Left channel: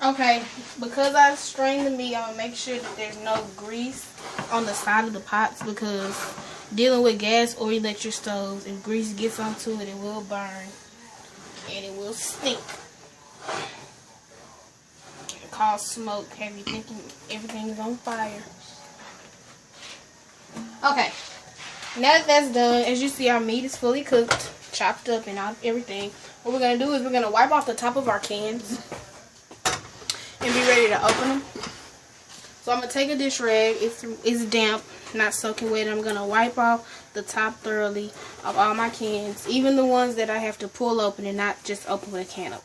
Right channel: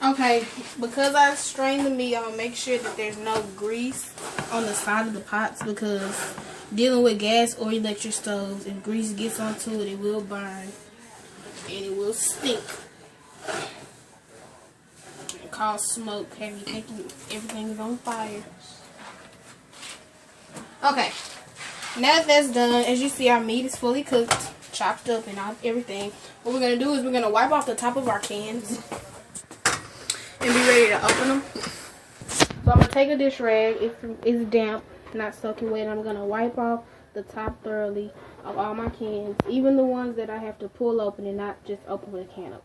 Okay, because I strained the meat, I'm going to make sure that there's no grease on the side of the pots, because dealing with gas or electric stoves, if grease gets onto it, it will burn and it will stink and cause smoke, have you thinking everything is on fire. Okay, now that that's done, as you see, our meat is fully cooked, chopped up and everything. What we're going to do is we're going to wipe off the top of our cans and be ready to open them. So I'm going to take a dish rag. It's damp, not soaking wet. I'm going to wipe off the top thoroughly of all my cans, even the ones that I have to pull open and not just open with a can opener.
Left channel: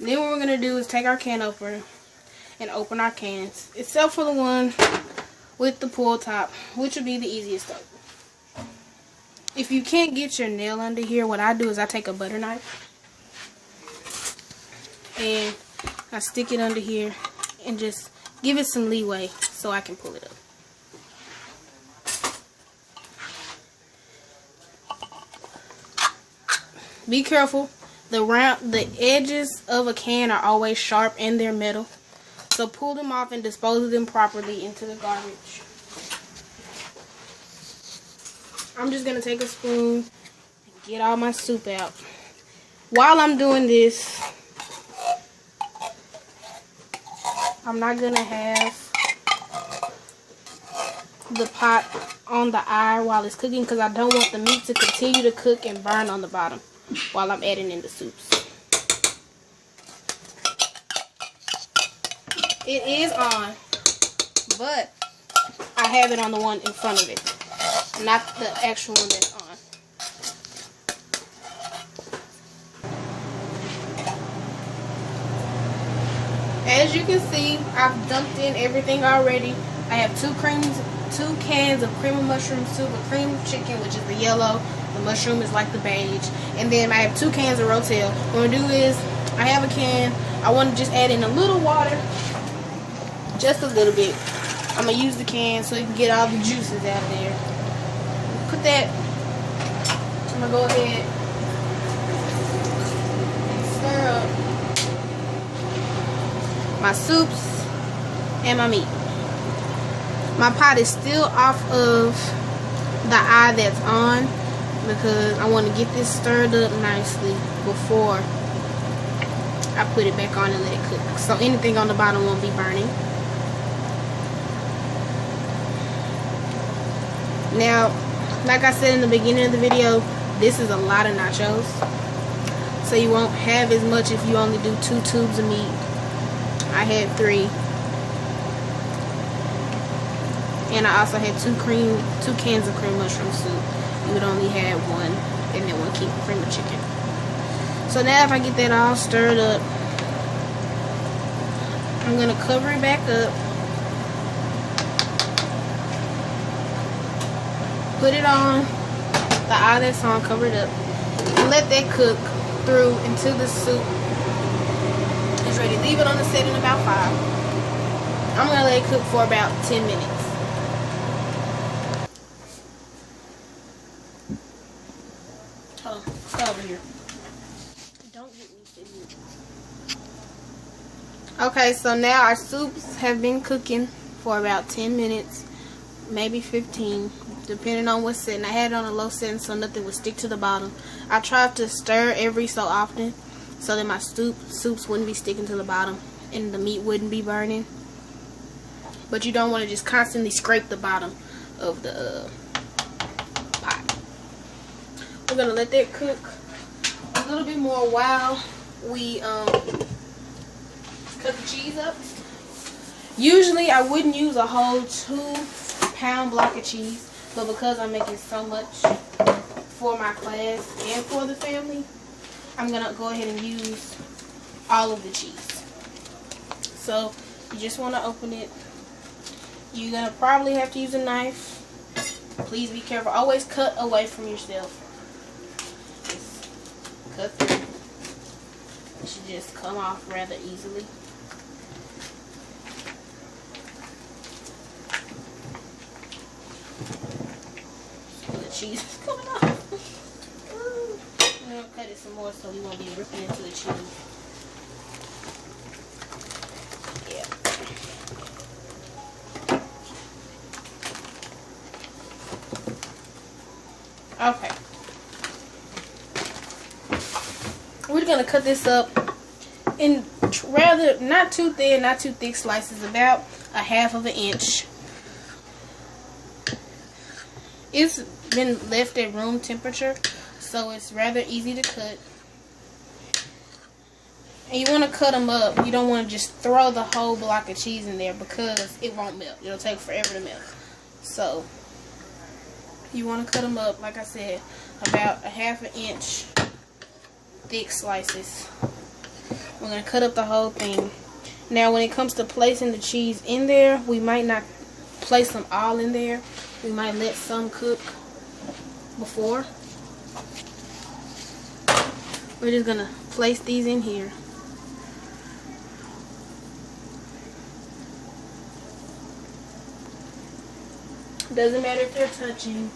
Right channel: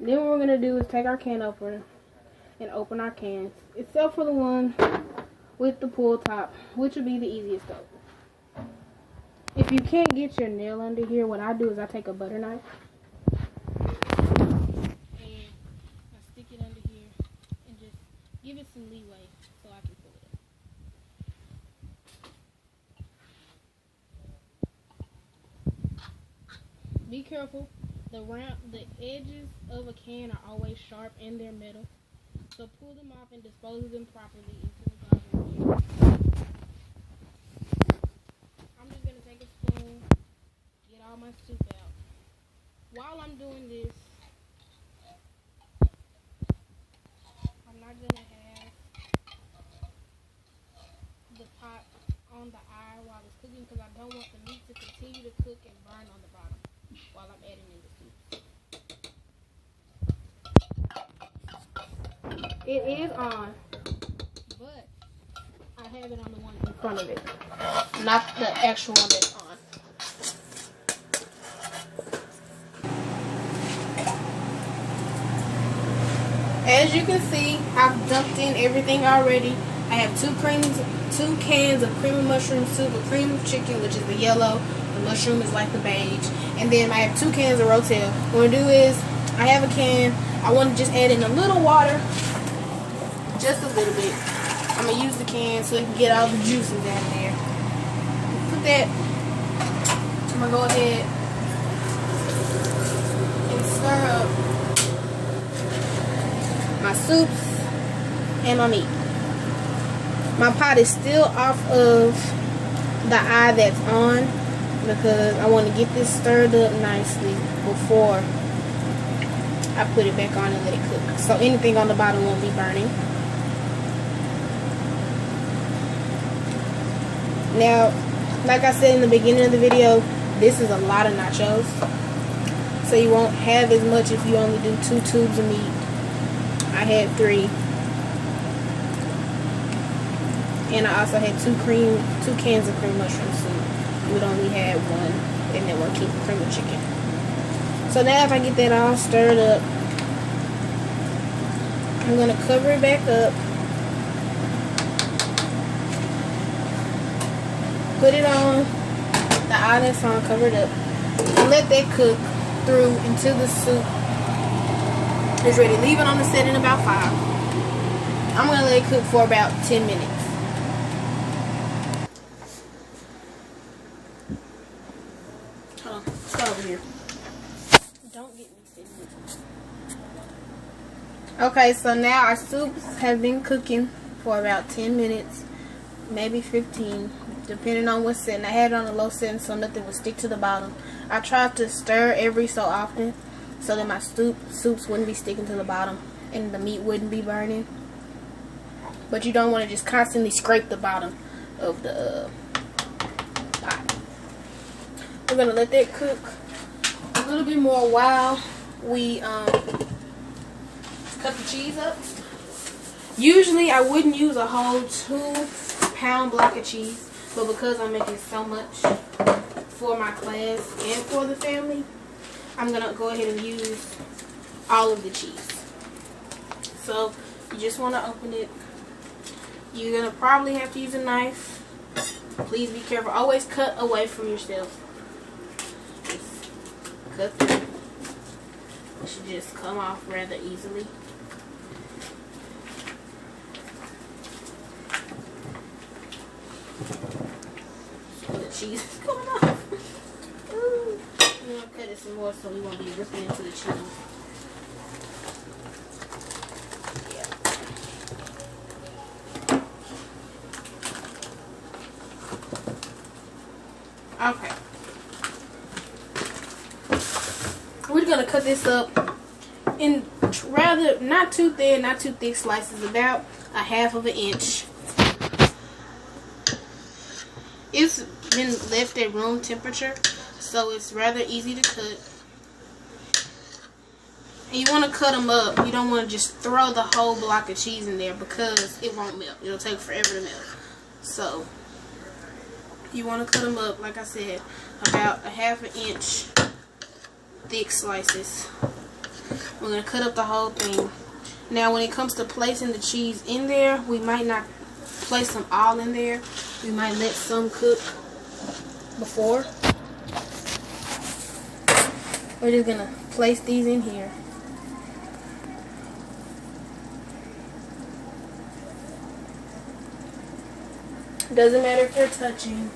Then what we're going to do is take our can opener and open our cans, except for the one with the pull top, which will be the easiest to open. If you can't get your nail under here, what I do is I take a butter knife and I stick it under here and just give it some leeway so I can pull it up. Be careful. The edges of a can are always sharp and they're metal. So pull them off and dispose of them properly into the garbage. I'm just going to take a spoon and get all my soup out. While I'm doing this, I'm not going to have the pot on the eye while it's cooking, because I don't want the meat to continue to cook and burn on the bottom while I'm adding in the soups. It is on, but I have it on the one in front of it, not the actual one that's on. As you can see, I've dumped in everything already. I have two cans of cream and mushroom soup, a cream chicken, which is the yellow, the mushroom is like the beige, and then I have 2 cans of Rotel. What I'm going to do is, I have a can, I want to just add in a little water, just a little bit. I'm going to use the can so you can get all the juices out of there. Put that, I'm going to go ahead and stir up my soups and my meat. My pot is still off of the eye that's on, because I want to get this stirred up nicely before I put it back on and let it cook. So anything on the bottom won't be burning. Now, like I said in the beginning of the video, this is a lot of nachos. So you won't have as much if you only do 2 tubes of meat. I had 3. And I also had 2 cans of cream mushroom soup. You would only have 1, and then 1 can of cream of chicken. So now if I get that all stirred up, I'm going to cover it back up. Put it on the eye that's on, cover it up, and let that cook through until the soup is ready. Leave it on the setting about 5. I'm going to let it cook for about 10 minutes. Hold on, start over here. Don't get me sitting. Okay, so now our soups have been cooking for about 10 minutes, maybe 15, depending on what's setting. I had it on a low setting so nothing would stick to the bottom. I tried to stir every so often so that my soups wouldn't be sticking to the bottom and the meat wouldn't be burning. But you don't want to just constantly scrape the bottom of the pot. We're going to let that cook a little bit more while we cut the cheese up. Usually I wouldn't use a whole 2-pound block of cheese, but because I'm making so much for my class and for the family, I'm going to go ahead and use all of the cheese. So you just want to open it. You're going to probably have to use a knife. Please be careful. Always cut away from yourself. Just cut through. It should just come off rather easily. The cheese is coming off. I'm gonna cut it some more so we won't be ripping into the cheese. Yeah. Okay. We're gonna cut this up in rather not too thin, not too thick slices, about a 1/2 inch. It's been left at room temperature, so it's rather easy to cut. And you want to cut them up. You don't want to just throw the whole block of cheese in there because it won't melt. It'll take forever to melt. So you want to cut them up, like I said, about a 1/2 inch thick slices. We're going to cut up the whole thing. Now when it comes to placing the cheese in there, we might not place them all in there. We might let some cook before. We're just going to place these in here. Doesn't matter if they're touching.